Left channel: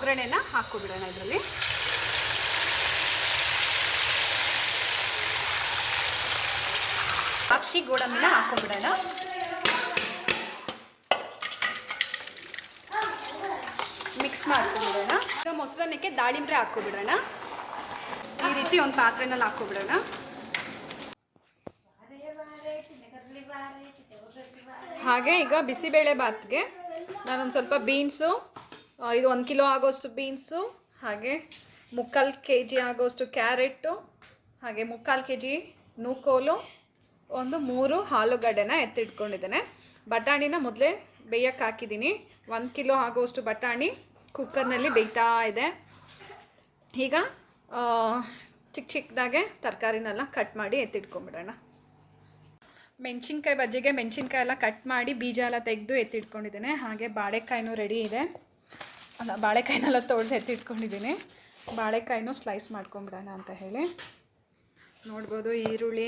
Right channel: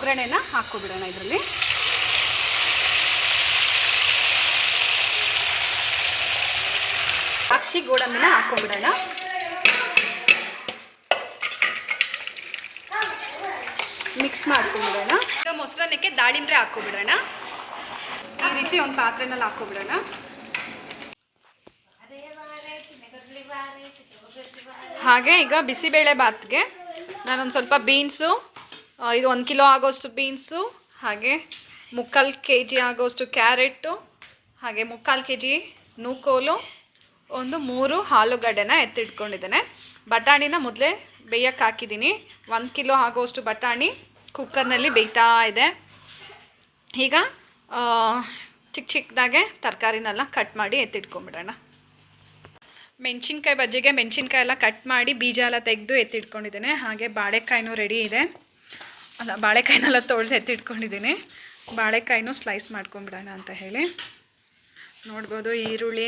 ಒಗ್ಗರಣೆನ ಹಾಕ್ಕೊಬಿಡೋಣ ಇದರಲ್ಲಿ. ಅಕ್ಷಿ ಗೋಡಂಬಿನ ಹಾಕ್ಕೊಂಬಿಡೋಣ. ಮಿಕ್ಸ್ ಮಾಡ್ಕೊಂಡ್ಬಿಡೋಣ ಈಗ ಮೊಸರನ್ನಕ್ಕೆ ದಾಳಿಂಬ್ರೆ ಹಾಕ್ಕೊಬಿಡೋಣ. ಈ ರೀತಿ ಒಂದು ಪಾತ್ರೆನಲ್ಲಿ ಹಾಕ್ಕೊಬಿಡೋಣ. ಹಾಗೆ ಈಗ ಬಿಸಿಬೇಳೆ ಬಾತ್ಗೆ ನಾನೊಂದು ಸ್ವಲ್ಪ ಬೀನ್ಸು ಇದು ಒಂದು ಕಿಲೋ ಆಗೋಷ್ಟು ಬೀನ್ಸು, ಹಾಗೆ ಮುಕ್ಕಾಲು ಕೆ ಜಿ ಆಗೋಷ್ಟು ಕ್ಯಾರೆಟು ಹಾಗೆ ಮುಕ್ಕಾಲು ಕೆ ಜಿ ನೂಕೋಲು, ಒಂದು ಮೂರು ಆಲೂಗಡ್ಡೆನ ಎತ್ತಿಟ್ಕೊಂಡಿದ್ದೇನೆ. ಬಟಾಣಿನ ಮೊದಲೇ ಬೇಯಕ್ಕೆ ಹಾಕಿದ್ದೀನಿ. ಒಂದು ಕಿಲೋ ಆಗೋಷ್ಟು ಬಟಾಣಿ ಕುಕ್ಕರ್ನಲ್ಲಿ ಬೇಯ್ತಾ ಇದೆ. ಈಗ ಚಿಕ್ಕ ಚಿಕ್ಕದಾಗೆ ತರಕಾರಿನೆಲ್ಲ ಕಟ್ ಮಾಡಿ ಎತ್ತಿಟ್ಕೊಂಡ್ಬಿಡೋಣ ಮೆಣಸಿನ್ಕಾಯಿ ಬಜ್ಜಿಗೆ ಮೆಣಸಿನ್ಕಾಯಿ ಎಲ್ಲ ಕಟ್ ಮಾಡಿ ಬೀಜ ಎಲ್ಲ ತೆಗೆದು ಎತ್ತಿಟ್ಕೊಂಡಿದ್ದೇನೆ. ಹಾಗೆ ಬಾಳೆಕಾಯಿನೂ ರೆಡಿ ಇದೆ. ಅಲ್ಲ, ಬಾಳೆಕಾಯಿನೆಲ್ಲ ತೊಳೆದು ಎತ್ತಿಟ್ಕೊಂಡಿದ್ದೀನಿ. ಬಾಳೆಕಾಯಿನೂ ಸ್ಲೈಸ್ ಮಾಡ್ಕೊಂಬಿಡೋಣ ಅಂತ ಹೇಳಿ. ನೋಡ್ಬೋದು ಈರುಳ್ಳಿ,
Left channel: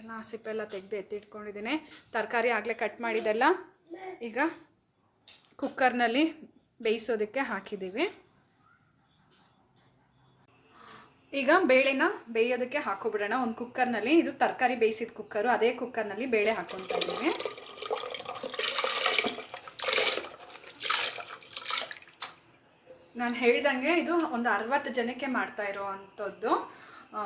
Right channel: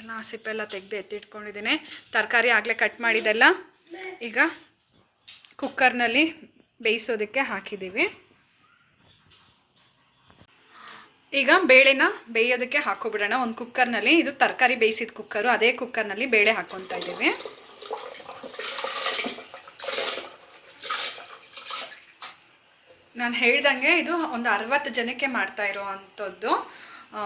ಎಲ್ಲ ಸಿಪ್ಪೆಲ್ಲ ತೆಗೆದು ಎತ್ತಿಟ್ಕೊಂಡಿದ್ದೀನಿ. ತರಕಾರಿ ಆಗಲೇ ಕಟ್ ಮಾಡಿದೆಲ್ಲ ಈಗ ಕುಕ್ಕರ್ನಲ್ಲಿ ಬೇಯಿಸೋದಕ್ಕೆ ಹಾಕಿದ್ದೀವಿ. ಈಗ ಬೇಳೆನ ಬೇಯೋದಕ್ಕೆ ಹಾಕೋಬಿಡೋಣ ಒಂದು ಕುಕ್ಕರ್ನಲ್ಲಿ ಇದು ತರಕಾರಿ ಬೇಯಿಸಿದ ಕುಕ್ಕರು ಅದೇ ಕುಕ್ಕರ್ನಲ್ಲಿ ಬೇಳೆ ಹಾಕ್ಕೊತಾ ಇದ್ದೀವಿ. ನಾನು ಹೇಳ್ದಂಗೆ ಇದು ಒಂದು ಅರವತ್ತು ಜನಕ್ಕೆ ಮಾಡ್ತಾ ಇರೋ ಅಂಥದ್ದು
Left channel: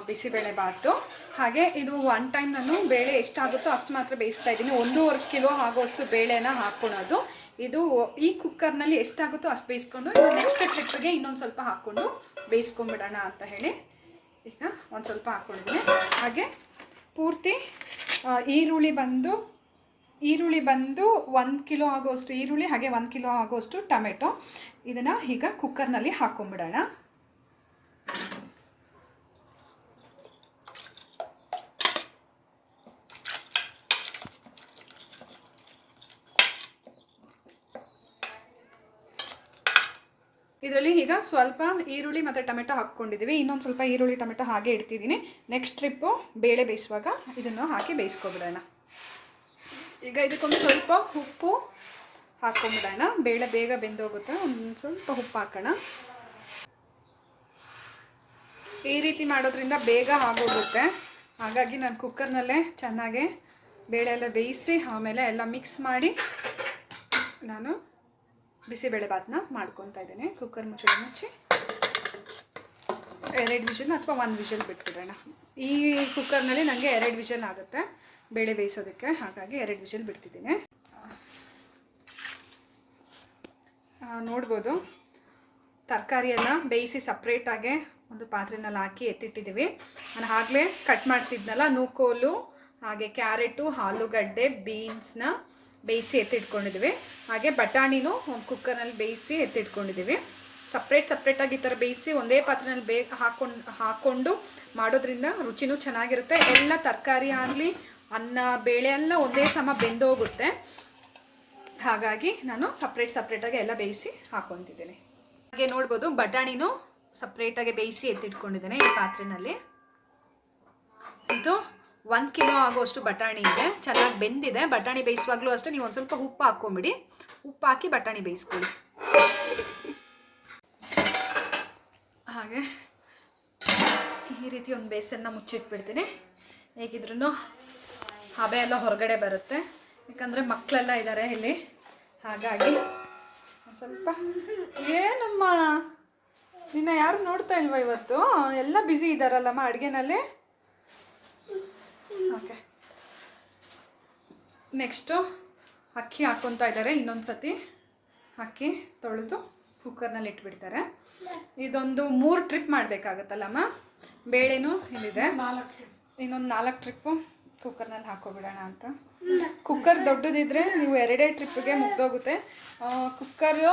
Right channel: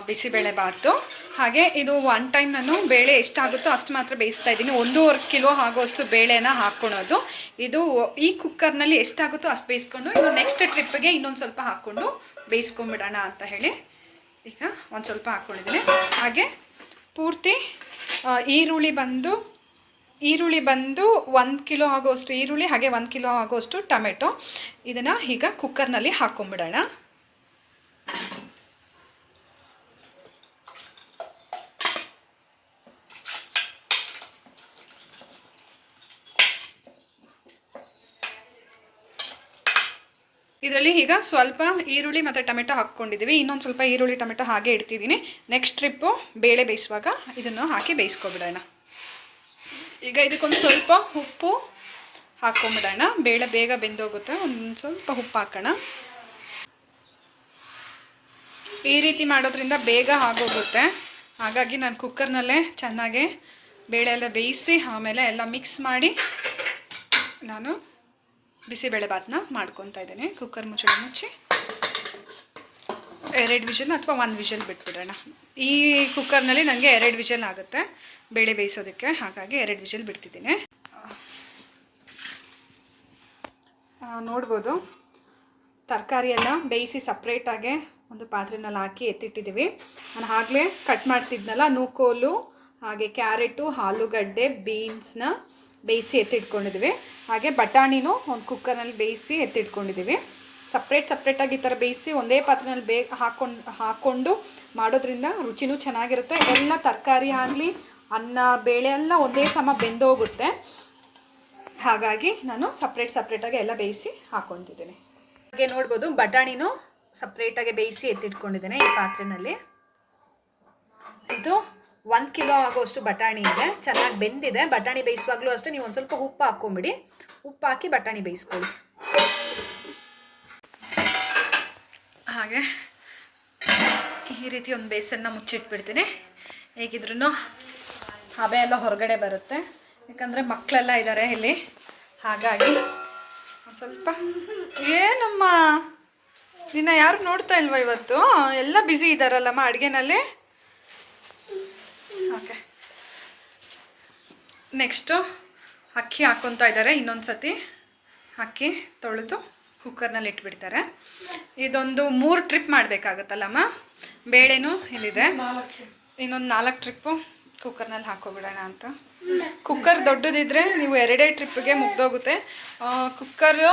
ಬಿಸಿಬೇಳೆ ಬಾತು. ಹಾಗೆ ಇದು ಒನ್ ಟೈಮ್ ನಾನು ಬೇಳೆ ಎಷ್ಟಾಗುತ್ತೋ ಅಷ್ಟು ಮಾತ್ರ ಬೇಯಿಸ್ತಾ ಇದ್ದೀನಿ. ಒಂದೂವರೆ ಕಿಲೋ ಆಗೋಷ್ಟು ಬೇಳೆನ ಹಾಕ್ಕೊಳೋದು ಇದು ಈ ಕುಕ್ಕರ್ನಲ್ಲಿ ಎಷ್ಟಾಗುತ್ತೋ ಅಷ್ಟು ಬೇಯಿಸ್ಕೊಂಡು, ಇನ್ನು ನೆಕ್ಸ್ಟ್ ಟ್ರಿಪ್ಗೆ ಇನ್ನೊಂದು ಸ್ವಲ್ಪ ಹಾಕ್ಕೊಂಡು ಬೇಯಿಸ್ಕೊಂಬಿಡೋಣ ಅಂತ ಹೇಳಿ ಈಗ ಒಂದು ಸ್ವಲ್ಪ ಹಾಕ್ಕೊಂಡಿದ್ದೀನಿ ಹಾಗೆ ಪೂರ್ತಿ ಈರುಳ್ಳಿ ಬಂದು ಈರುಳ್ಳಿ ಬಂದು ಒಂದು ಕಿಲೋ ಆಗೋಷ್ಟು ಈರುಳ್ಳಿ, ಹಾಗೆ ಒಂದು ಕಿಲೋ ಆಗೋಷ್ಟು ಟೊಮೆಟೊ. ಇದನ್ನು ಈಗ ಕುಕ್ಕರ್ನಲ್ಲಿ ಹಾಕ್ಕೊಂಬಿಡೋಣ ಇದರಲ್ಲಿ ಈಗ ಸ್ವಲ್ಪ ಈರುಳ್ಳಿ ಮತ್ತು ಟೊಮೆಟೊ ಹಾಕ್ಕೊಂಡಿದ್ದೀವಿ ಇನ್ನೊಂದು ಸ್ವಲ್ಪ ಈರುಳ್ಳಿ, ಟೊಮೆಟೊ ಹಾಗೆ ಇಡ್ತಿದ್ದೀನಿ. ನೆಕ್ಸ್ಟ್ ಟ್ರಿಪ್ಪು ಬೇಳೆ ಬೇಯಿಸುವಾಗ ಇದನ್ನು ಹಾಕಿ ಬೇಯಿಸ್ಕೊಬಿಡೋಣ. ಈಗ ಇದಕ್ಕೊಂದು ಸ್ವಲ್ಪ ಉಪ್ಪು ಹಾಕ್ಕೊಂಬಿಡೋಣ ಬೇಳೆ ಬೇಗ ಬೆಂದೋಗುತ್ತೆ. ಒಂದು ಸ್ವಲ್ಪ ಉಪ್ಪು ಹಾಕೋಣ. ಈ ರೀತಿ ಮಾಡೋದ್ರಿಂದ ಬೇಗ ಆಗೋಗುತ್ತೆ. ಹಾಗಾಗಿ ನಾನು ಕುಕ್ಕರ್ನಲ್ಲೇ ಚೆನ್ನಾಗಿ ಬೇಳೆ ಎಲ್ಲ ಬೇಯಿಸಿ ಆಮೇಲೆ ಎಲ್ಲ ಮಿಕ್ಸ್ ಮಾಡಿ ನಾನು ಬಿಸಿಬೇಳೆ ಭಾತನ್ನ ಮಾಡ್ಕೊತಾ ಇದ್ದೀನಿ. ಕುಕ್ಕರ್ ಮುಚ್ಚಳ ಮುಚ್ಚಿ. ಎರಡು ವಿಷಲ್ ಅಥವಾ ಒಂದು ವಿಷಲ್ ಬಿಟ್ಬಿಡೋಣ. ಈ ಕುಕ್ಕರ್ನಲ್ಲಿ ನನಗೆ ಎರಡು ವಿಷಲ್ ಆಗುತ್ತೆ. ಬೇಳೆ ಬೇಯಿಸೋದಕ್ಕೆ ಹಾಗಾಗಿ ಎರಡು ವಿಷಲ್ ಬಿಡ್ತಿದ್ದೀನಿ. ನೋಡ್ಬೋದು. ತರಕಾರಿಯೆಲ್ಲ ಬೇಯಿಸಿ ಸಪ್ರೇಟಾಗೆ ಒಂದು ಪಾತ್ರೆನಲ್ಲಿ ಹಾಕಿ ಎತ್ತಿಟ್ಟಿದ್ದೀವಿ. ನಾನು ಆಗಲೇ ಕಟ್ ಮಾಡ್ತಿದ್ನಲ್ಲ, ನೂಕೋಲು, ಹಾಗೆ ಕ್ಯಾರೆಟು, ಆಲೂಗಡ್ಡೆ, ಬೀನ್ಸ್ನ ಬೇಯಿಸಿ ಎತ್ತಿಟ್ಕೊಂಡಿದ್ದೀವಿ. ಹಾಗೆ ಬಟಾಣಿನೂ ಒಂದು ಕುಕ್ಕರ್ನಲ್ಲಿ ಬೇಯಿಸಿ ಎತ್ತಿಟ್ಕೊಂಡಿದ್ದೀವಿ. ಸಪ್ರೇಟ್ ಸಪ್ರೇಟಾಗಿ ಈ ಥರ ಬೇಯಿಸಿ ಒಂದೇ ಪಾತ್ರೆನಲ್ಲಿ ಬೇ ಹಾಕೊಂಡು ಹಾಕ್ಕೊಂಡು ಮಾಡೋದ್ರಿಂದ ರುಚಿನೂ ಚೆನ್ನಾಗಿರುತ್ತೆ. ಎಲ್ಲ ತರಕಾರಿ ಆಗಲಿ, ಅನ್ನ, ಬೇಳೆ ಎಲ್ಲ ಒಂದೇ ಸಮ ಬೆಂದೋಗುತ್ತೆ. ಹಾಗಾಗಿ ನಾನು ಸಪ್ರೇಟ್ ಸಪ್ರೇಟಾಗಿ ಎಲ್ಲ ಬೇಯಿಸಿ ಹಾಕ್ಕೊತಿದ್ದೀನಿ ಹಾಗೆ ನೋಡ್ಬೋದು, ಬಟಾಣಿನೂ ಸಪ್ರೇಟಾಗಿ ಬೇಯಿಸಿ ಎತ್ತಿಟ್ಕೊಂಡಿದ್ದೇನೆ ಈ ಪಾತ್ರೆನಲ್ಲಿ. ಇದು ಒಂದು ಕಿಲೋ ಆಗೋಷ್ಟು ಬಟಾಣಿ ಇದೆ. ಚೆನ್ನಾಗಿ ಬೆಂದಿದೆ. ಬಟಾಣಿ ಬೇಯಿಸುವಾಗಲೂ ಅಷ್ಟೇ, ನೀವು ಒಂದು ಸ್ವಲ್ಪ ಉಪ್ಪು ಹಾಕ್ಕೊಂಬಿಡಿ. ಉಪ್ಪು ಹಾಕಿ ಬಟಾಣಿ ಬೇಯಿಸ್ಕೊಳ್ಳಿ. ಹಾಗೆ ಈ ರೀತಿ ಒಂದು ಬೇಸನ್ನ ಮುಚ್ಚಿಟ್ಬಿಡ್ತೀನಿ. ಹೇಗಿದ್ರೂ ಹಬೆ ಎಲ್ಲ ಹೊರಗಡೆ ಬರುತ್ತೆ. ಯಾಕಂದರೆ ಮಕ್ಕಳೆಲ್ಲ ಇದ್ದಾರೆ ಇಲ್ಲಿ. ಹಾಗಾಗಿ ಒಂದು ಸ್ವಲ್ಪ ಏನಮ್ಮ? ನಿನ್ನ ಯಾರು ನೋಡ್ತಾ ಇಲ್ವಾ ಇವತ್ತು? ಎಲ್ಲ ಬ್ಯುಸಿ ಇದ್ದಾರಲ್ಲಮ್ಮ ಅಡುಗೆನಲ್ಲಿ? ಓಕೆ ನೆಕ್ಸ್ಟು ಅಕ್ಕಿ ಹಾಕ್ಕೊತಾ ಇದ್ದಾರೆ ಇನ್ನೊಂದು ಸತಿ ಅಕ್ಕಿ ತೊಳೆದು ಕುಕ್ಕರ್ನಲ್ಲಿ ಇಟ್ಬಿಡ್ತಾರೆ. ಇದೊಂದು ಮೂರು ಟ್ರಿಪ್ ಮಾಡಬೇಕಾಗತ್ತಲ್ಲಮ್ಮ? ಬೇಳೆನೂ ಇಲ್ಲಿದೆ. ಇನ್ನೊಂದು ನಾಲ್ಕು ಟ್ರಿಪ್ಪು ಕುಕ್ಕರ್ನಲ್ಲಿ ಹಾಕೋಬಿಡೋಣ ಅಂತ. ಕುಕ್ಕರ್ ದೊಡ್ಡದಿದ್ರೆ ನೀವು ಎರಡೇ ಟ್ರಿಪ್ಗೆ ಮುಗ್ದೋಗುತ್ತೆ. ಕುಕ್ಕರು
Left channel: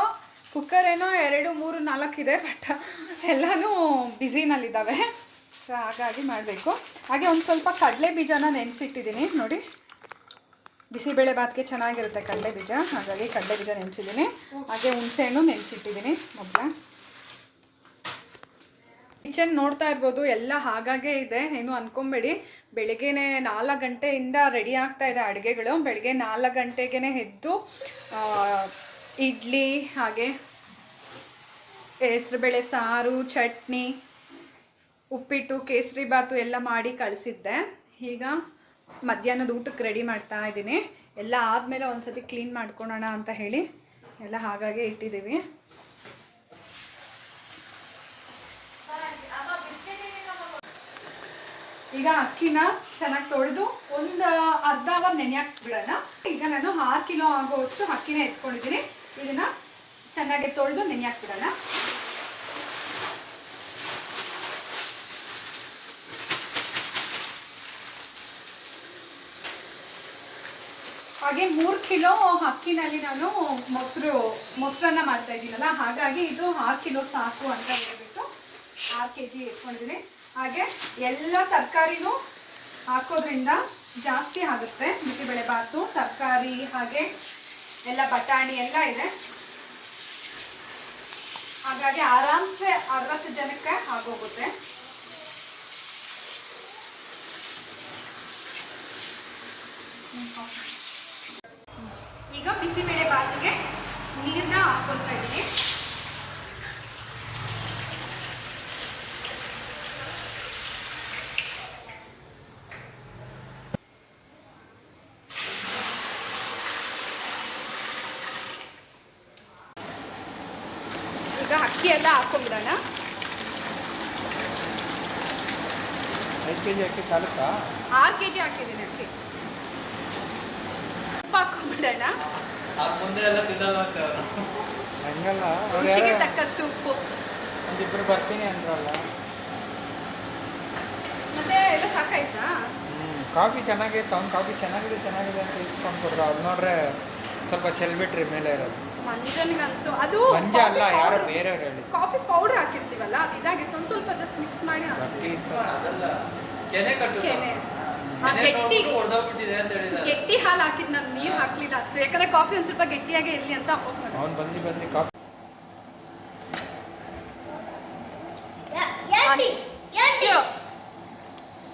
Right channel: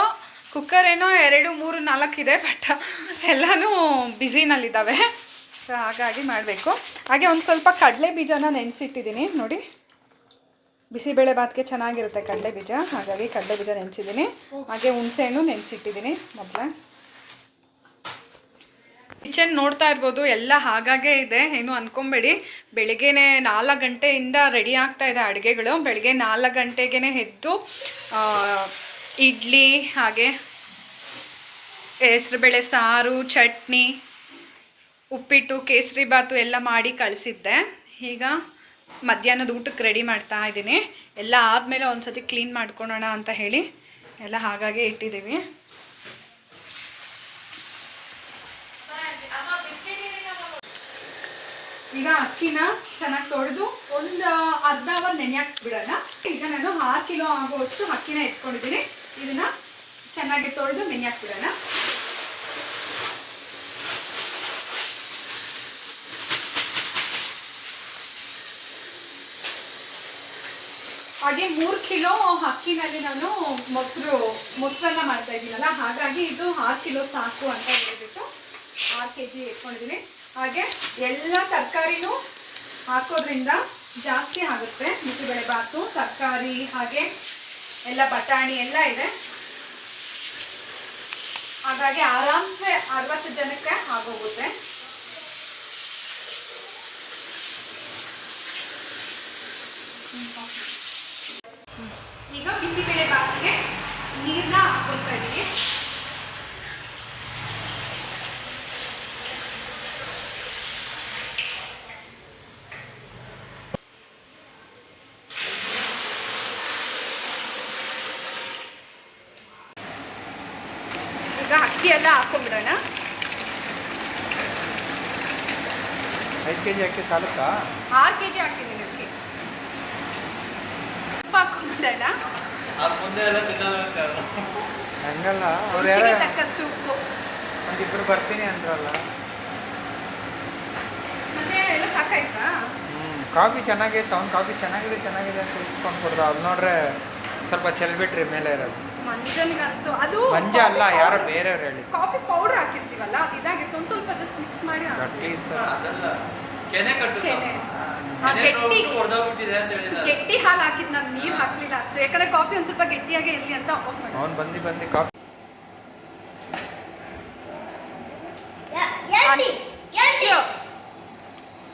ಕುಕ್ಕರ್ ಏನೋ ಎರಡು ಮೂರು ನಾಲ್ಕು ಇದೆ ಬಟ್ ಎಲ್ಲನೂ ಬ್ಯುಸಿನಲ್ಲಿದ್ದಾವೆ. ಸೊ ಹಾಗಾಗಿ ಮಾಡಬೇಕು. ಹಾಗೆ ಒಂದು ಸ್ವಲ್ಪ ಕಡಲೆ ಬೀಜನ ನೆನೆಸಿಟ್ಟಿದ್ದೀನಿ ನೋಡಿ. ಬಿಸಿಬೇಳೆ ಭಾತ್ಗೆ ಚೆನ್ನಾಗಿರುತ್ತೆ ಕಡಲೆ ಬೀಜ. ಹಾಗಾಗಿ ಕಡಲೆ ಬೀಜ ನೆನೆಸಿದ್ದೀನಿ. ಹಾಗೆ ಹುಣಸೆಹಣ್ಣು ನೆನೆಸಿಟ್ಟಿದ್ದೀನಿ ಮೊದಲ. ಕಿಚನ್ ನೋಡ್ತಾ ಇರ್ಬೋದು, ಎಲ್ಲ ಹಾಗಾಗೆ ಇದೆ. ಏನು ಅನ್ಕೊಂಬೇಡಿ. ಬೆಳಗ್ಗೆನೆ ನಾಲ್ಕು ಗಂಟೆಯಿಂದ ರೆಡಿ ಆಗ್ತಾ ಇದೆ ಅಡುಗೆಗಳು. ಬೆಳಗ್ಗೆ ನಾಲ್ಕು ಗಂಟೆಗೇ ಎದ್ದು ಇಡ್ಲಿ, ಹಾಗೆ ಹೆಸ್ರುಬೇಳೆ ಸಾರು, ಚಟ್ನಿ, ಉಪ್ಪಿಟ್ಟು, ಕೇಸರಿ ಬಾತು ಎಲ್ಲ ಮಾಡಿ ಕಳಿಸಿದ್ದೆ. ಈಗ ಮಧ್ಯಾಹ್ನದ ಊಟಕ್ಕೆ ರೆಡಿ ಮಾಡ್ತಾ ಇದ್ದೀನಿ. ಎಲ್ಲ ಆದಮೇಲೆ ಒಂದ್ಸತಿ ಕ್ಲೀನ್ ಮಾಡ್ಕೊಳೋಣ ಅಂತ ಹೇಳಿ ಎಲ್ಲ ಹಾಗಾಗೆ ಇಟ್ಟಿದ್ದೀವಿ. ಈಗ ಅಕ್ಕಿನ ಚೆನ್ನಾಗಿ ತೊಳೆದು ಒಂದು ಅರ್ಧ ಅವರ್ ನೆನೆಯಕ್ಕೆ ಬಿಡೋಣ. ಈಗ ನಾನು ಆರು ಕಿಲೋ ಆಗುವಷ್ಟು ಅಕ್ಕಿನ ಎತ್ಕೊಂಡಿದ್ದೀನಿ. ಇದನ್ನ ಚೆನ್ನಾಗಿ ತೊಳೆದು ನೆನೆ ಬಿಡೋಣ. ಹಾಗೆ ಮೂರು ಕಿಲೋ ಅಕ್ಕಿನಲ್ಲಿ ನಾನು ಮೊಸರು, ಮೊಸರನ್ನ ಮಾಡ್ತಾ ಇದ್ದೀನಲ್ಲ, ಹಾಗಾಗಿ ಇದು ಆರು ಕಿಲೋ ಸಾಕು ಅಂತ ಹೇಳ್ಬಿಟ್ಟು ಆರು ಕೆ ಜಿ ಇಟ್ಕೊಂಡಿದ್ದೀನಿ. ಹಾಗೆ ಎಲ್ಲ ತರಕಾರಿನೂ ಹಾಕೋದ್ರಿಂದ ಜಾಸ್ತಿ ಆಗುತ್ತೆ, ಬಿಸಿಬೇಳೆ ಬಾತು ತರಕಾರಿ, ಹಾಗೆ ಎಲ್ಲ ಬಟಾಣಿ ಎಲ್ಲ ಇದೆ. ಹಾಗಾಗಿ ಆರಾಮ್ಸೆ ಅರವತ್ತು ಜನಕ್ಕೆ ಆಗೋಗುತ್ತೆ. ಈಗ ಬಿಸಿಬೇಳೆ ಬಾತಿಗೆ ನೀರನ್ನ ಹಾಕೊಳ್ತಾ ಇದ್ದೀನಿ ಈಗ ಅಕ್ಕಿ ಎಲ್ಲ ಹಾಕೊಂಡ್ಬಿಡೋಣ. ಐದು ಕೆ ಜಿ ಅಕ್ಕಿ ಸಾಲುತ್ತಾ? ಆರು ಕೆ ಜಿ ಹಾಕಿದ್ದೀನಿ ಅಕ್ಕಿ. ಉಪ್ಪು ಹಾಕೊಂಡ್ಬಿಡೋಣ ಮುಂದೆ ಎಲ್ಲ ತಿನ್ನಲ್ಲ ಹಂಗಲ್ಲ ಅವ್ರು ಯಾರೋ ರುಚಿಗೆ ತಕ್ಕಷ್ಟು ಉಪ್ಪು. ಒಂದಿಬ್ರು ಬರ್ತೀನಿ ಅಂದ್ರಲ್ಲ. ಮತ್ತೆ ಎಲ್ಲ ಸಾಕಾಯ್ತಾ? ಕಾಫಿ ಚೆನ್ನಾಗಿತ್ತು ಅವ್ನು ಕಾಫಿ ಚೆನ್ನಾಗಿದೆ ಚೆನ್ನಾಗಿದೆ ಅಂತ ಇಸ್ಕೊಂಡು ಕೊಡ್ದ ಅವ್ರು ನೋಡ್ರೆ ಸ್ವಲ್ಪ ಚೆಲ್ಬಿಟ್ರಿ ಮೇಲೆ ಇರೋದು. ಮಂಜನ್ಗಂತೂ ಅದು ಮಂಜ ಅಲ್ಲ ಯಾರೋ ಬೇರೆಯವ್ರು ಹೇಳಿ ಕಾಫಿ ಪೌಡರ್ ಹಾಕಿರ್ತೀವಲ್ಲ ಅದು ಇದಾಗಿತ್ತು ಒಂದು ಸ್ವಲ್ಪ ಜಸ್ಟ್ ಮಿಕ್ಸ್ ಮಾಡಿ ಹಾಕು. ಗಟ್ಟಿ ಸರ್. ಅದಲ್ಲ ಕೆನೆ ಕಟ್ಟು ಕೆನೆ. ಗಟ್ಟಿ. ಹೊಡೆದೋಗ್ಬಿಟ್ಟಿದೆ ಅಂತ ಹೇಳಿದ ಗಟ್ಟಿ ಹಾಲು ಹಾಕಿದ್ ನಾನು ನೀರು ಹಾಕ್ಲಿಲ್ಲ ಅಷ್ಟೇ. ಯಾಕಂದ್ರೆ ಕಾಫಿ ಒಂದು ಸ್ವಲ್ಪ ಗಟ್ಟಿಯಾಗೆ ಇರಲಿ ಅಂತ ಮಾಡಿ ಅವ್ನು ಬಂದು ಬಂದು ಕಾಫಿ.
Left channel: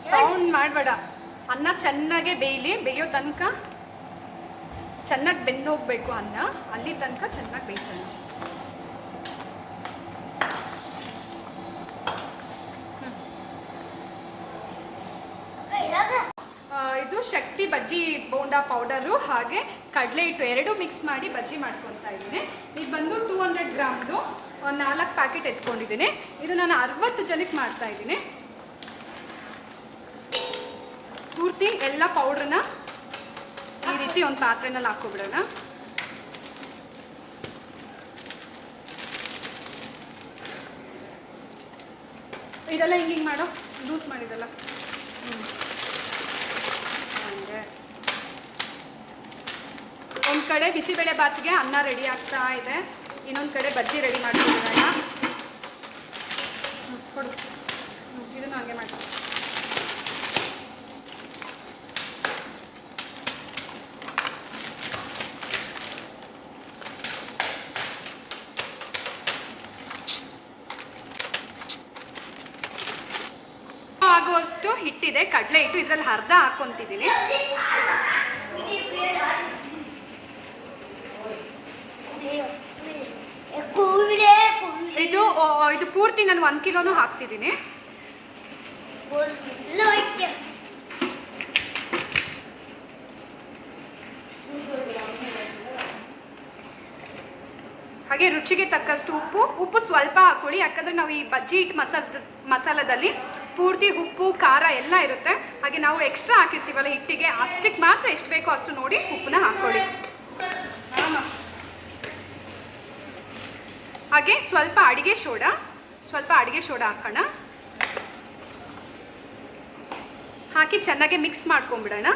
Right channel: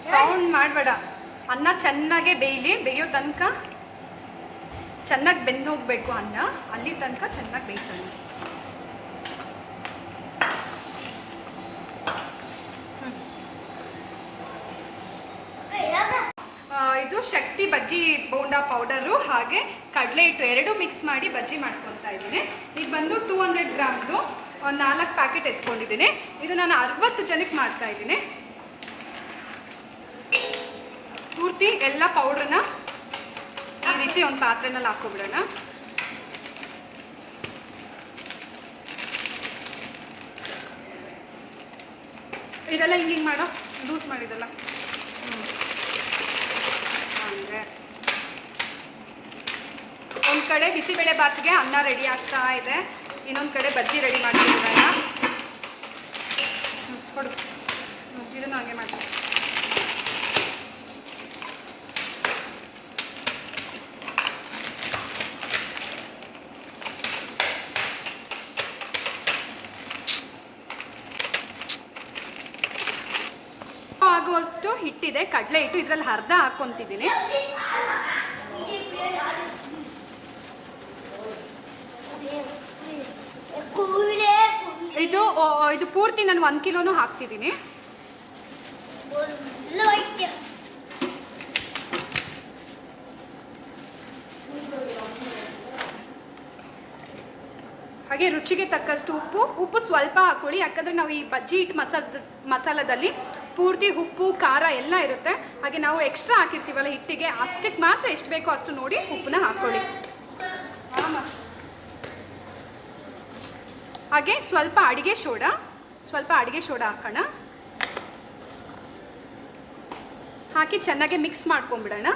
ಸೌಂಡ್ ಮಾಡಬೇಡ. ಅನ್ನ ಚೆನ್ನಾಗೆ ಬೇಯಲಿ ಬೇಯೋ ತನಕ ಚೆನ್ನಾಗಿ ಬೆಂದು ಹೋಗಬೇಕು ಅನ್ನ. ಅಲ್ಲಿ ತನಕ ಚೆನ್ನಾಗಿ ಬೇಯಿಸೋಣ ಆ, ಇದು ಶಕ್ತಿ ಬಜ್ಜಿ ಬೋಂಡಾ ಪೌಡರು ಹಾಗೆ ಕಡಲೆ ಹಿಟ್ಟು ಎರಡು ಮಿಕ್ಸ್ ಮಾಡಿ ಬಜ್ಜಿ ಮಾಡ್ಕೊತಾ ಇದ್ದೀನಿ. ಇದು ಬಂದು ಟೂ ಹಂಡ್ರೆಡ್ ಗ್ರಾಮ್ದು, ಒಂದು ನಾಲ್ಕು ಪ್ಯಾಕೆಟ್ ಎತ್ಕೊಂಡಿದ್ದೀನಿ. ಇದು ನಾನು ಅರವತ್ತು ಜನಕ್ಕೆ ಮಾಡ್ತಾ ಇದ್ದೀನಿ. ಪೂರ್ತಿ ಎಲ್ಲ ಪೌಡ್ರನ್ನ ಈ ರೀತಿ ಒಂದು ಪಾತ್ರೆನಲ್ಲಿ ಹಾಕೊಬಿಡೋಣ ಇದೆಲ್ಲ ಹಿಂಗೆ ಮಾಡೋ, ಲೂಸ್ ಮಾಡಿದಲ್ಲ ಅಂದರೆ ಒಂದು ಕಡೆ ಬಿಸಿಬೇಳೆ ಬಾತ್ಗೆ ಅನ್ನ ರೆಡಿ ಆಗ್ತಾ ಇದೆ. ಇನ್ನೊಂದು ಕಡೆ ಬಜ್ಜಿ ರೆಡಿ ಮಾಡ್ತಿದ್ದೀವಲ್ಲ? ಕೊಡು. ಇದನ್ನು ಹಾಗೆ ಮಾಡ್ತೀವಿ ಆಗುವಷ್ಟು ಹಿಟ್ಟಿದೆ, ಕಡಲೆ ಹಿಟ್ಟು ಇದರಲ್ಲಿ ಅರ್ಧ ಹಾಕ್ಕೊಂತಿದ್ದೀನಿ. ಇದು ಇದು ಪೂರ್ತಿ ನಾನು ಒಂದು ಕಿಲೋನು ಹಾಕ್ತಿದ್ದೀನಿ. ಹಾಗೆ ರುಚಿಗೆ ತಕ್ಕಷ್ಟು ಉಪ್ಪು ಉಪ್ಪು ಸ್ವಲ್ಪ ಹಾಕೊಳ್ಳಿ, ಯಾಕಂದರೆ ನಾವು ಈ ಬಜ್ಜಿ ಹಿಟ್ಟು ಮಸಾಲ ಮಸಾಲದಲ್ಲಿ ಪೂರ್ತಿ ಉಪ್ಪು, ಖಾರ ಎಲ್ಲ ಇರುತ್ತೆ. ಹಾಗೆ ನಾವು ಎಕ್ಸ್ಟ್ರಾ ಹಾಕಿರ್ತೀವಲ್ಲ ಹಿಟ್ಟಿಗೆ, ಅಷ್ಟಕ್ಕೆ ಮಾತ್ರ ಎಷ್ಟು ಬೇಕೋ ಅಷ್ಟು ನೋಡಿ ಉಪ್ಪನ್ನ ಹಾಕ್ಕೊಳ್ಳಿ. ಹಾಗೆ ಸ್ವಲ್ಪ ಅಡಿಗೆ ಸೋಡಾ, ಸ್ವಲ್ಪ ಅಡಿಗೆ ಸೋಡಾ ಹಾಕೋಣ. ಹಾಕಿ ಚೆನ್ನಾಗಿ ಮಿಕ್ಸ್ ಮಾಡ್ಕೊಂಬಿಡೋಣ.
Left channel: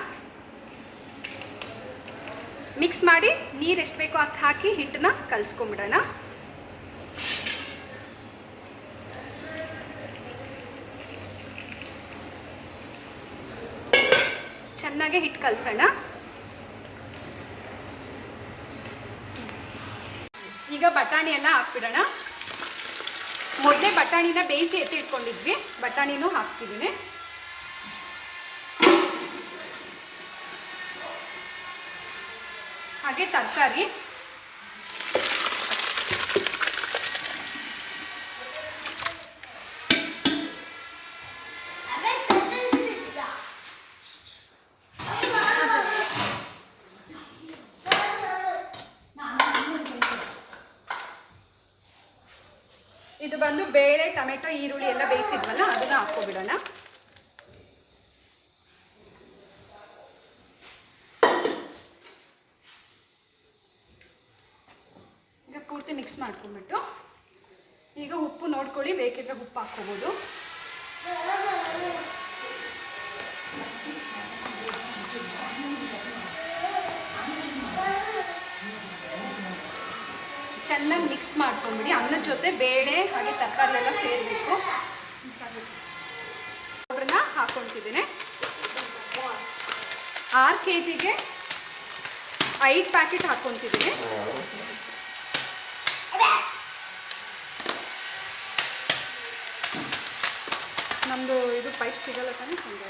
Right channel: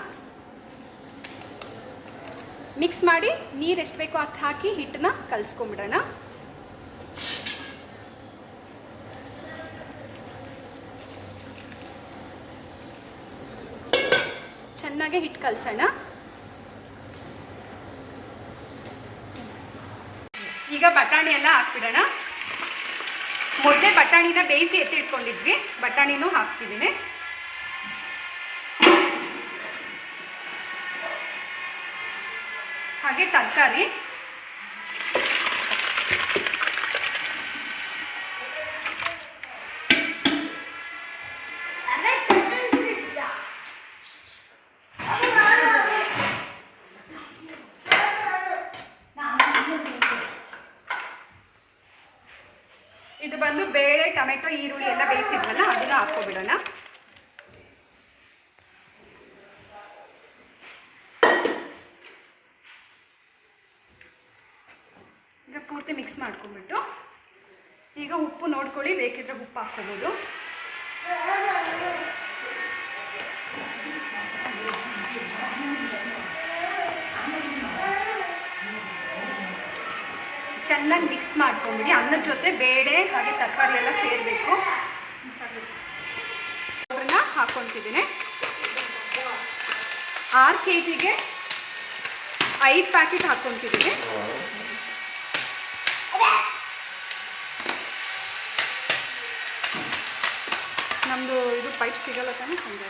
ಮಿಕ್ಸ್ ಮಾಡಿ ನೀರು ಎಷ್ಟು ಬೇಕೋ ಅಷ್ಟು ಹಾಕಿ ಹಿಟ್ಟನ್ನ ಕಲಿಸ್ಕೊಂಬಿಡೋಣ. ಚೆನ್ನಾಗಿ ಹಿಟ್ಟು ಕಲಸೋಣ. ಈಗ ಬಟಾಣಿ ಎಲ್ಲ ಹಾಕ್ಬಿಡೋಣ. ಮೊದಲೇ ಬಟಾಣಿನ ಬೇಯಿಸಿ ಎತ್ತಿಟ್ಕೊಂಡಿದ್ವಿ ಬಟಾಣಿನೂ ಹಾಕ್ತಿದ್ದೀನಿ. ಹಾಗೆ ತರಕಾರಿ ಇದು ಬಂದು ಬೇಳೆ ಟೊಮೆಟೊ ಈರುಳ್ಳಿ ಎಲ್ಲ ಬೇಯಿಸಿದ್ವಲ್ಲ ಅದನ್ನ ಹಾಕ್ಕೊಬಿಡೋಣ. ಈಗ ಪೂರ್ತಿ ಮಿಕ್ಸ್ ಮಾಡ್ಕೊಂಡ್ಬಿಟ್ಟು ಈಗ ಉಪ್ಪು ನೋಡ್ಕೊಳ್ಳಿ, ಬೇಕಿದ್ರೆ ಉಪ್ಪು ಹಾಕ್ಕೋಬೋದು. ಚೆನ್ನಾಗಿ ಮಿಕ್ಸ್ ಮಾಡ್ಕೊಂಬಿಡಿ. ಅನ್ನದ ಜೊತೆ ಬೇಳೆ, ಹಾಗೆ ತರಕಾರಿ ಎಲ್ಲ ಸೇರಬೇಕು. ಪೌಡ್ರನ್ನ ಹಾಕ್ಕೊತಿದ್ದೀನಿ ಆರು ಕೆ ಜಿಗೆ ಐದು ಪ್ಯಾಕೆಟ್ ಹಾಕ್ಕೊತಿದ್ದೀನಿ ನಮ್ಮದು ಇದು ಪೈಪ್ ಸಿಗಲ್ಲ ತಾನೇ ಸಂಜೆ.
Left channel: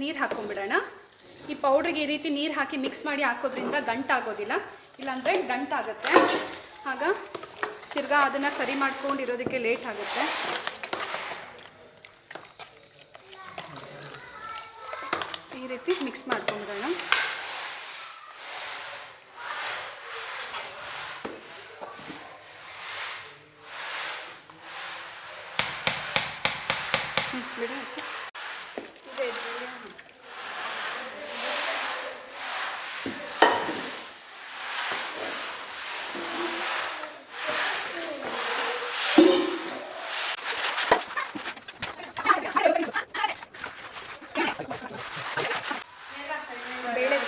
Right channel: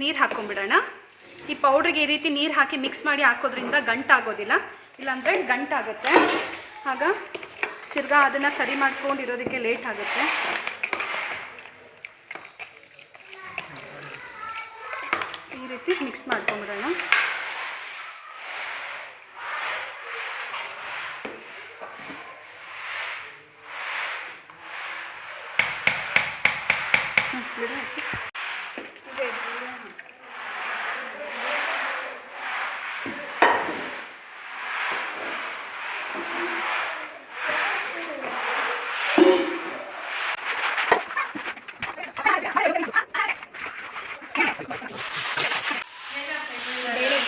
ನೀರು ಹಾಕ್ಕೊಂಬಿಡೋಣ ಈ ಪೌಡ್ರಿಗೆ ಈ ರೀತಿ ನೀರು ಹಾಕಿ ಮಿಕ್ಸ್ ಮಾಡಿ ಹಾಕೋದ್ರಿಂದ ಗಂಟಾಗೋದಿಲ್ಲ ಇಲ್ಲಾಂದರೆ ಗಂಟಾಗುತ್ತೆ ಆಗ ತಿರ್ಗಾ ಅದನ್ನು ಸರಿ ಮಾಡ್ಕೊಂಡಿರೋದಕ್ಕೆ ಲೇಟ್ ಆಗುತ್ತೆ. ಈ ರೀತಿ ಮಿಕ್ಸ್ ಮಾಡ್ಕೊಂಬಿಡೋಣ ಹ್ಮ್, ಬಿಡು ಆಯ್ತು. ಇದೆ, ಇದೆ. ಬೇಳೆ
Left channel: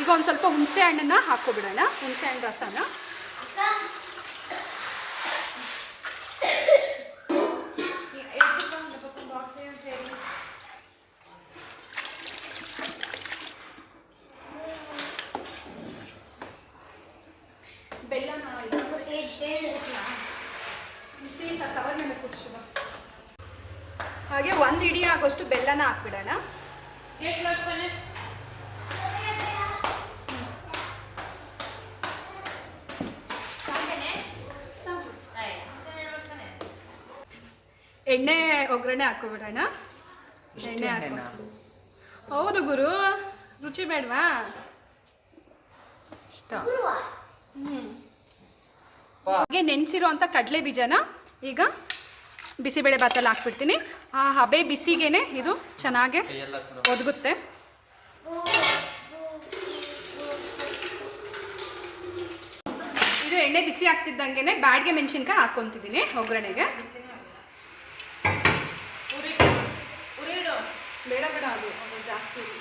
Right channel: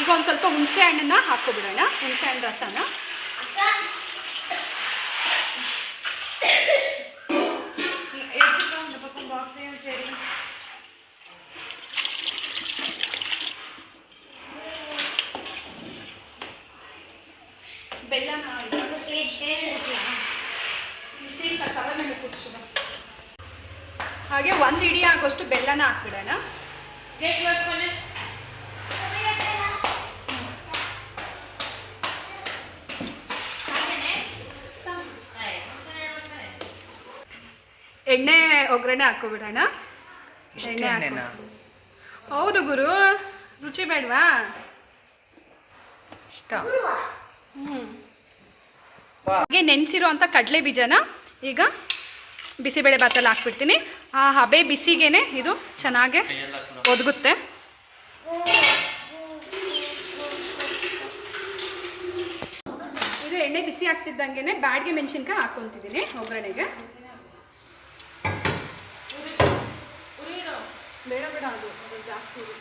ಈಗ ಒಂದು ಸ್ವಲ್ಪ ಹುಣಸೆ ಹಣ್ಣನ್ನ ಹಾಕ್ಕೊಬಿಡೋಣ. ಹುಣಸೆ ಹಣ್ಣು ರಸನ ಬೆಲ್ಲನ ಕವರ್ ಮೇಲೆ ಕುಟ್ಸು ಬಾ. ಹಾಗೆ ಒಂದು ಇಡಿ ಆಗೋಷ್ಟು ಬೆಲ್ಲನ ಹಾಕ್ಬಿಡೋಣ ಎಣ್ಣೆ ಒಗ್ಗರಣೆ ಹಾಕೋಬಿಡೋಣ ಎಣ್ಣೆ? ಹೌದು ಗುರು ರುಚಿ ಬೇಡವಾ? ಇಷ್ಟ. ಹಾಗೆ ನೆನೆಸಿರೋ ಅಂಥ ಕಡಲೆ ಬೀಜನ ಈಗ ಬಿಸಿಬೇಳೆ ಭಾತಲ್ಲಿ ಹಾಕ್ಬಿಡ್ತೀನಿ. ಆ ಹಬೆ ಬಿಸಿಗೇನೆ ಇದು ಚೆನ್ನಾಗೆ ಒದಗುತ್ತೆ. ಇದು ಎಣ್ಣೆ ಬಿಸಿ ಆಗ್ತಿದ್ದಂಗೆ ಬ್ಯಾಡ್ಗೆ ಮೆಣಸಿನ್ಕಾಯಿ ಹಾಕ್ಕೊತಿದ್ದೀನಿ ಒಗ್ಗರಣೆಗೆ ಬೇಡ ಬೇಡ ಅದು ಅದು ಜಾಸ್ತಿ ಇವನೇನಪ್ಪ ನನ್ನ ಮಗ ನನ್ನ ಮಗನೇ ತಿ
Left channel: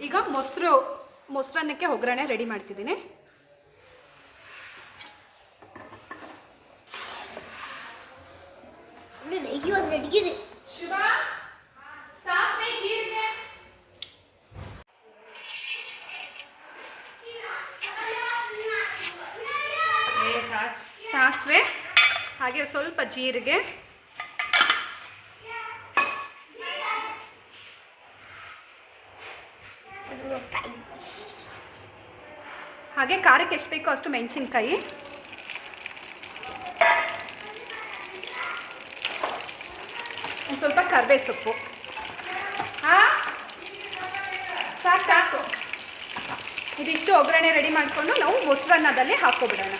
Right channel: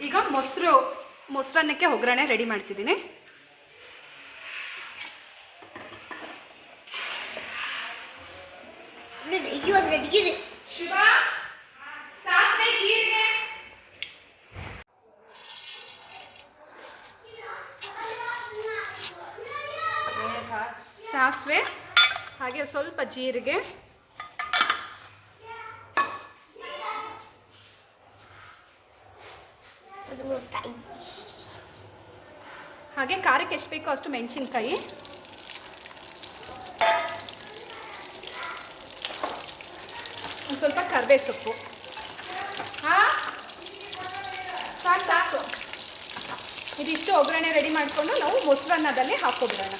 ಈಗ ಮೊಸರು ಮೊಸರನ್ನಕ್ಕೆ ಒಗ್ಗರಣೆ ರೆಡಿ ಮಾಡ್ತಿದ್ದೀನಿ. ಸಾಸಿವೆ ಹಾಗೆ ಸ್ವಲ್ಪ ಜೀರಿಗೆ ಹಾಗೆ ಖಾರಕ್ಕೆ ಎಷ್ಟು ಬೇಕೋ ಅಷ್ಟು ಮೆಣಸಿನ್ಕಾಯಿ. ಒಂದು ಸ್ವಲ್ಪ ಕರ್ಬೇ ಸೊಪ್ಪು. ಹಾಂ? ಸಾಕು ಸಾಕು. ಇದಿಷ್ಟು ಒಗ್ಗರಣೆ ರೆಡಿ ಮಾಡಿಕೊಂಡು ನಾವು ಮೊಸರನ್ನದಲ್ಲಿ ಹಾಕ್ಕೊಬಿಡೋಣ.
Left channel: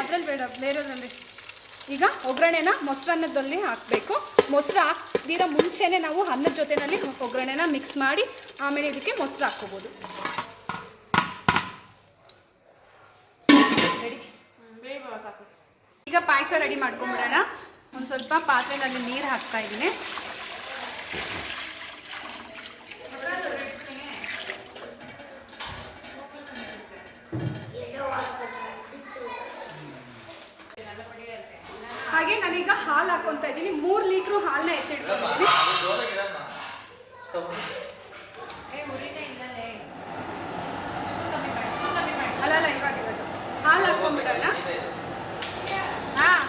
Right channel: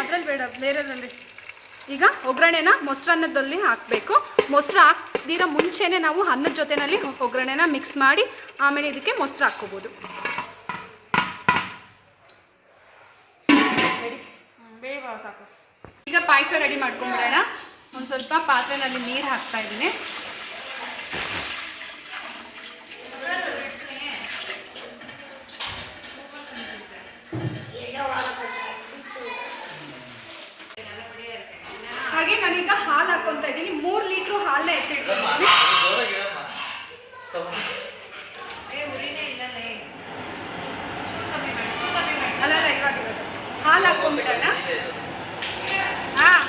ಅದ್ರಲ್ಲಿ ಬೇಡ, ಬೇರೆದ್ರಲ್ಲಿ. ಈಗ ಒಗ್ಗರಣೆನ ಮೊಸರನ್ನದಲ್ಲಿ ಹಾಕಬೇಕು. ಮೊಸರು ಹಾಕ್ದಿರ ಮುಂಚೆನೇ ನಾವು ಅನ್ನದ ಜೊತೆನಲ್ಲಿ ಒಗ್ಗರಣೆನ ಮಿಕ್ಸ್ ಮಾಡಿ, ಆಮೇಲೆ ಇದಕ್ಕೆ ಮೊಸರು ಹಾಕ್ಕೋಬೋದು. ಈಗ ಪಾಯಸ ರೆಡಿ ಮಾಡ್ಕೊಂಬಿಡೋಣ. ಒಂದು ಸ್ವಲ್ಪ ಪಾತ್ರೆನಲ್ಲಿ ನೀರು ಹಾಕ್ತಾ ಇದ್ದೀನಿ ಹಾಗೆ ನಾನೀಗ ಹಾಲು ಹಾಕ್ಕೊತಾ ಇದ್ದೀನಿ ಮೂರು ಲೀಟ್ರು ಹಾಲನ್ನ ಎತ್ತಿಟ್ಕೊಂಡಿದ್ದೀನಿ ಅಲ್ಲ ಅಲ್ಲ ಇವಾಗ ಇವಾಗ ಹಾಲು ಹಾಕ್ಕೊಂಡ್ಬಿಡೋಣ ಹಾಂ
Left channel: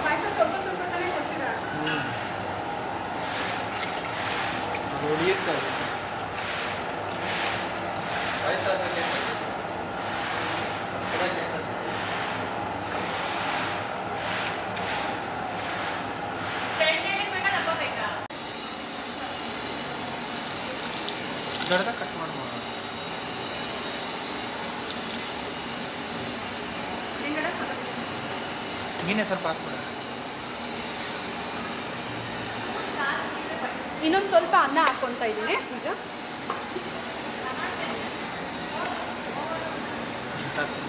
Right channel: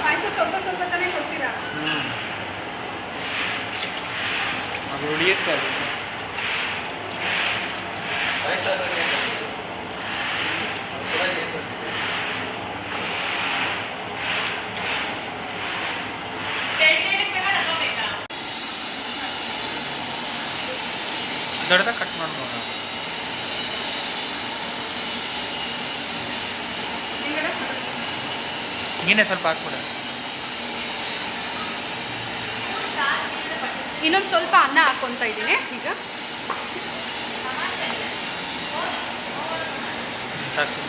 ಪಾಯಸ ಸ್ವಲ್ಪ ಸ್ವಲ್ಪ ತಾನೇ ಕೊಡ್ತೀರಾ ಹ್ಞೂ ಅದು ಉಳಿಯುತ್ತೆ ಅದು ದೊಡ್ಡದಾಗ ಕಟ್ ಮಾಡ್ಬೋದು. ನೀನೇ ಸ್ವಲ್ಪ ಹಾಕ್ಬಿಡ. ಇನ್ನೊಂದು ಸ್ವಲ್ಪ ಅನ್ನ ಹಾಕೊಂತ ಇದ್ದೀನಿ ಈಗ. ಸಾಕು.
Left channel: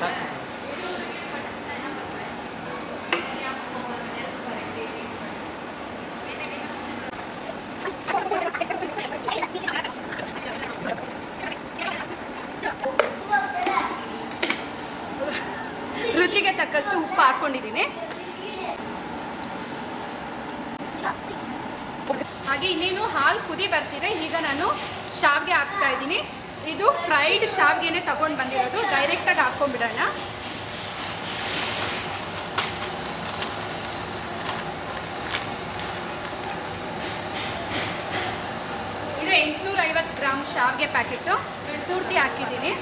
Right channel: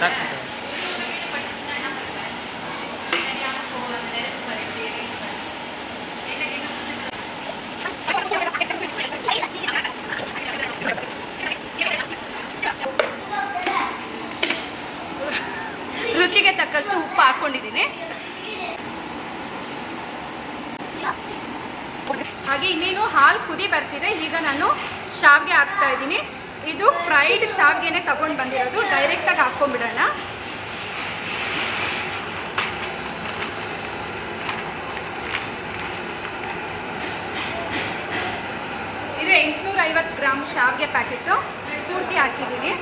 ಸಾಕು ರುಚಿಗೆ ತಕ್ಕಷ್ಟು ಉಪ್ಪು ಹಾಕ್ಕೊಂಡಿದ್ದೀನಿ ಹಾಗೆ ಇನ್ನೇನು ಹಾಲು ಕುದಿ ಬರ್ತಿದೆ. ಈಗ ನಾನು ಶಾವಿಗೆ ಹಾಕ್ತಾ ಇದ್ದೀನಿ. ಇದು ಫ್ರೈಡ್ ಶಾವಿಗೆನೆ ತಗೊಂಡು ಬಂದಿರೋದು. ಡೈರೆಕ್ಟಾಗಿ ಹಾಕ್ಕೊಂಡ್ಬಿಡೋಣ. ಇದು ಎಂಟುನೂರ ಐವತ್ತು ಗ್ರಾಮ್ ಶಾವಿಗೆ ಪ್ಯಾಕೆಟು. ಪೂರ್ತಿ ಹಾಕಿದ್ದೀನಿ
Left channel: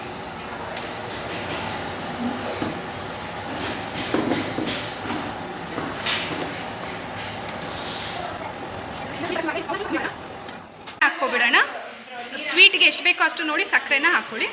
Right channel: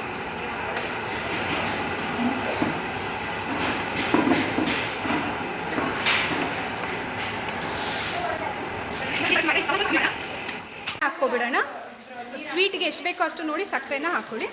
ಹಾಕ್ಕೊಬಿಡೋಣ ಅಷ್ಟು ನೋಡಿ ಸಕ್ಕರೆನ ಹಾಕೊಳ್ಳಿ.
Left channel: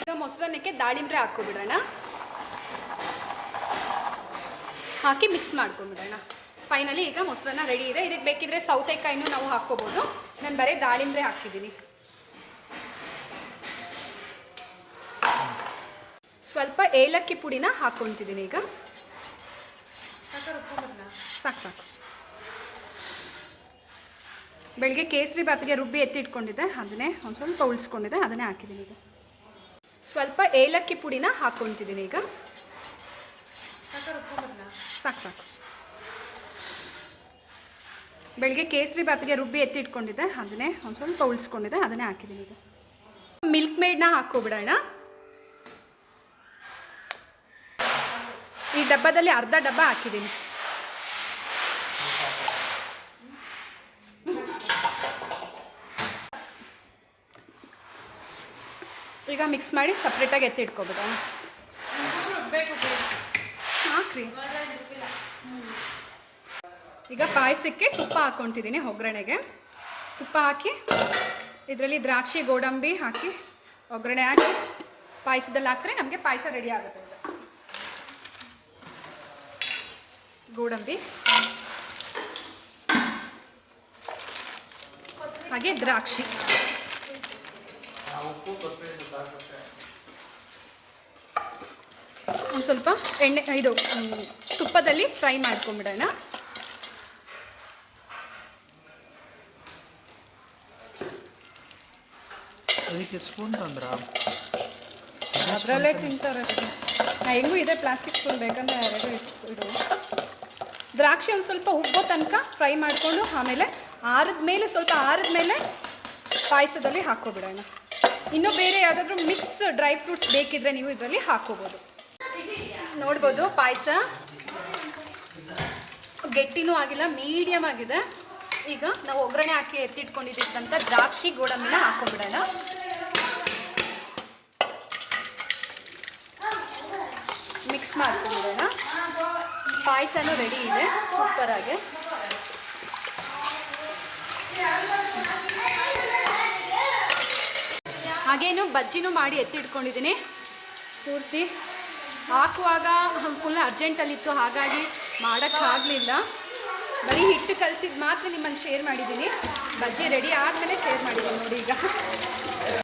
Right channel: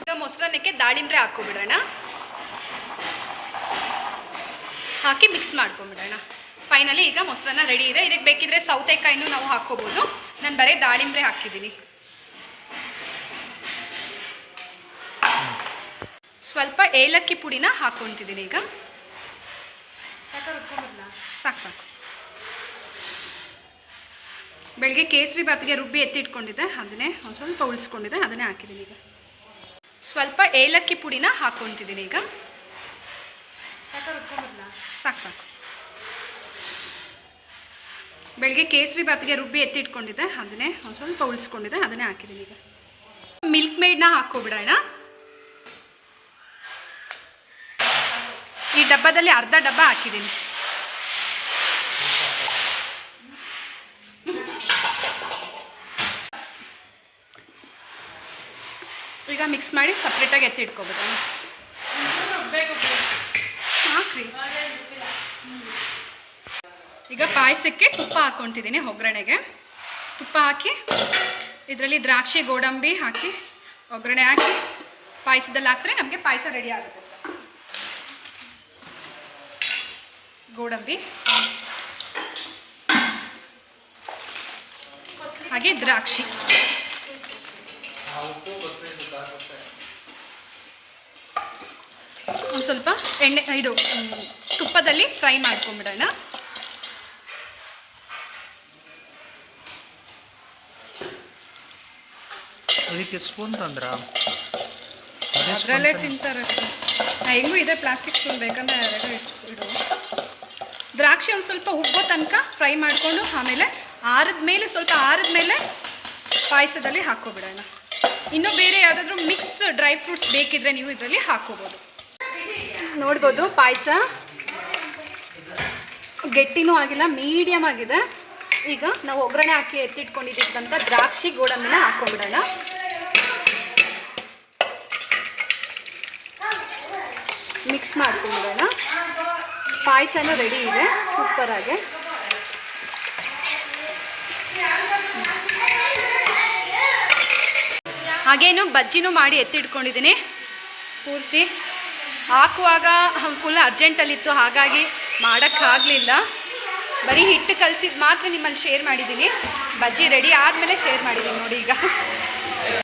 ಈಗ ಮೊಸರನ್ನಕ್ಕೆ ದಾಳಿಂಬ್ರೆ ಹಾಕ್ಕೊಬಿಡೋಣ ಹಾಕಿ ಮಿಕ್ಸ್ ಮಾಡ್ಕೊಂಬಿಡೋಣ ಫೈನಲಿ ಈಗ ಮೊಸರನ್ನ ರೆಡಿ ಇದೆ. ಇದಕ್ಕೆ ಬೇಕಿದ್ರೆ ಸೌತೆಕಾಯಿನೂ ನಾವು ಹಾಕ್ಕೋಬೋದು. ನಾನು ಬರೀ ದಾಳಿಂಬ್ರೆ ಹಾಕಿದ್ದೀನಿ. ಸ್ವಲ್ಪ ಏಲಕ್ಕಿ ಪುಡಿನ ಹಾಕ್ಕೊತಿದ್ದೀನಿ ಈಗ. ಸಾಕು ಸಾಕು. ಬೆಳಿಗ್ಗೆ ಕೇಸರಿ ಬಾತ್ಗೆ ರುಬ್ಬಿ ಎತ್ತಿಟ್ಕೊಂಡಿದ್ದೆ. ಅದನ್ನೇ ಒಂದು ಸ್ವಲ್ಪ ಉಳಿಸ್ಕೊಂಡಿದ್ದೆ. ಅದನ್ನೇ ಹಾಕಿದ್ದೀನಿ ಈಗ. ಸ್ವಲ್ಪ ಏಲಕ್ಕಿ ಪುಡಿನ ಹಾಕ್ಕೊತಿದ್ದೀನಿ ಈಗ. ಸಾಕು ಸಾಕು. ಬೆಳಿಗ್ಗೆ ಕೇಸರಿ ಬಾತ್ಗೆ ರುಬ್ಬಿ ಎತ್ತಿಟ್ಕೊಂಡಿದ್ದೆ. ಅದನ್ನೇ ಒಂದು ಸ್ವಲ್ಪ ಉಳಿಸ್ಕೊಂಡಿದ್ದೆ. ಅದನ್ನೇ ಹಾಕಿದ್ದೀನಿ ಈಗ. ಮಿಲ್ಕ್ ಮೇಡ್ನ ಹಾಕೋಬಿಡೋಣ ಈ ಡಬ್ಬದಲ್ಲಿ ಅರ್ಧ ಡಬ್ಬ ಹಾಕಿದ್ದೀನಿ. ಈಗ ಮಿಕ್ಸ್ ಮಾಡಿ ಸಪ್ರೇಟಾಗಿ ಎತ್ತಿಟ್ಕೊಬಿಡೋಣ. ಈಗ ಪಾಯಸಕ್ಕೆ ತುಪ್ಪ ಹಾಕ್ಕೊತಿದ್ದೀನಿ ಒಗ್ಗರಣೆಗೆ. ತುಪ್ಪ ಹಾಕಿ, ಇದರಲ್ಲಿ ದ್ರಾಕ್ಷಿ, ಗೋಡಂಬಿ ಹಾಕಿ, ಒಗ್ಗರಣೆ ಹಾಕಿ ಪಾಯಸದಲ್ಲಿ ಹಾಕಿದ್ರೆ ನಮಗೆ ಪಾಯಸ ರೆಡಿ ಆಗುತ್ತೆ. ಗೋಡಂಬಿ. ಹಾಗೆ ದ್ರಾಕ್ಷಿ. ಒಂದು ಸ್ವಲ್ಪ ಎಣ್ಣೆ, ಇದು ತುಪ್ಪದಲ್ಲಿ ಫ್ರೈ ಮಾಡ್ಕೊಂಬಿಡೋಣ. ಅದಕ್ಕೆ ಸ್ಪೂನ್ ತಂದ್ರ ಅದರಲ್ಲೇ ತಿಂತಾರೆ. ಹೆಂಗೂ ಇದೆ ಪ್ಲಾಸ್ಟಿಕ್ ಸ್ಪೂನ್ ಬೇಕಂದ್ರೆ ಎರಡು ಇಡು. ದ್ರಾಕ್ಷಿ ಒಂದು ಸ್ವಲ್ಪ ಉಬ್ಬೋ ತನಕ ಫ್ರೈ ಮಾಡಿಕೊಂಡು ಆಮೇಲೆ ಆರದ ಮೇಲೆ ಸ್ವಲ್ಪ ಆರದ ಮೇಲೆ ಪಾಯಸದಲ್ಲಿ ಹಾಕೋಬಿಡೋಣ ಇನ್ನೂ ಬೇರೆ ಯಾವುದಾದ್ರೂ ಮಿಕ್ಸ್ ಡ್ರೈ ಫ್ರೂಟ್ಸ್ ಬೇಕಿದ್ರೆ ನೀವು ಇದರಲ್ಲಿ ಹಾಕೋಬೋದು ನೋಡ್ಬೋದು ಪಾಯಸ. ಗಟ್ಟಿನೂ ಆಗಿಲ್ಲ ಮೀಡಿಯಮ್ ಆಗಿದೆ. ಈಗ ನಾವು ಒಗ್ಗರಣೆ ಹಾಕಿ ಎತ್ತಿಟ್ಕೊಂಡಿದ್ದಕ್ಕಂಥ ದ್ರಾಕ್ಷಿ ಗೋಡಂಬಿನ ಹಾಕ್ಕೊಂಬಿಡೋಣ. ಮಿಕ್ಸ್ ಮಾಡ್ಕೊಂಬಿಡೋಣ ಪಾಯಸನೂ ರೆಡಿ ಇದೆ. ಸೂಪರಾಗಿ ಹಾಗೇನು ಬಜ್ಜಿನೂ ಮಾಡಿ ಎತ್ತಿಟ್ಕೊಂಡಿದ್ದೀನಿ. ಪೂರ್ತಿ ಹಾಕುವಾಗ ಫುಲ್ ಅರ್ಜೆಂಟಲ್ಲಿತ್ತು ಹಾಗಾಗಿ ಮಾಡೋಕ್ಕಾಗಲಿಲ್ಲ. ಬರೀ ಹಿಟ್ಟು ಕಲಸಿದ್ದು ಮಾತ್ರ ನಿಮ್ಮಲ್ಲಿ ಶೇರ್ ಮಾಡಿದ್ದೀನಿ. ಬಜ್ಜಿ ರೆಡಿ ಆದಮೇಲೆ ಶೇರ್ ಮಾಡಿದ್ದೀನಿ ನೋಡಿ ಈಗ.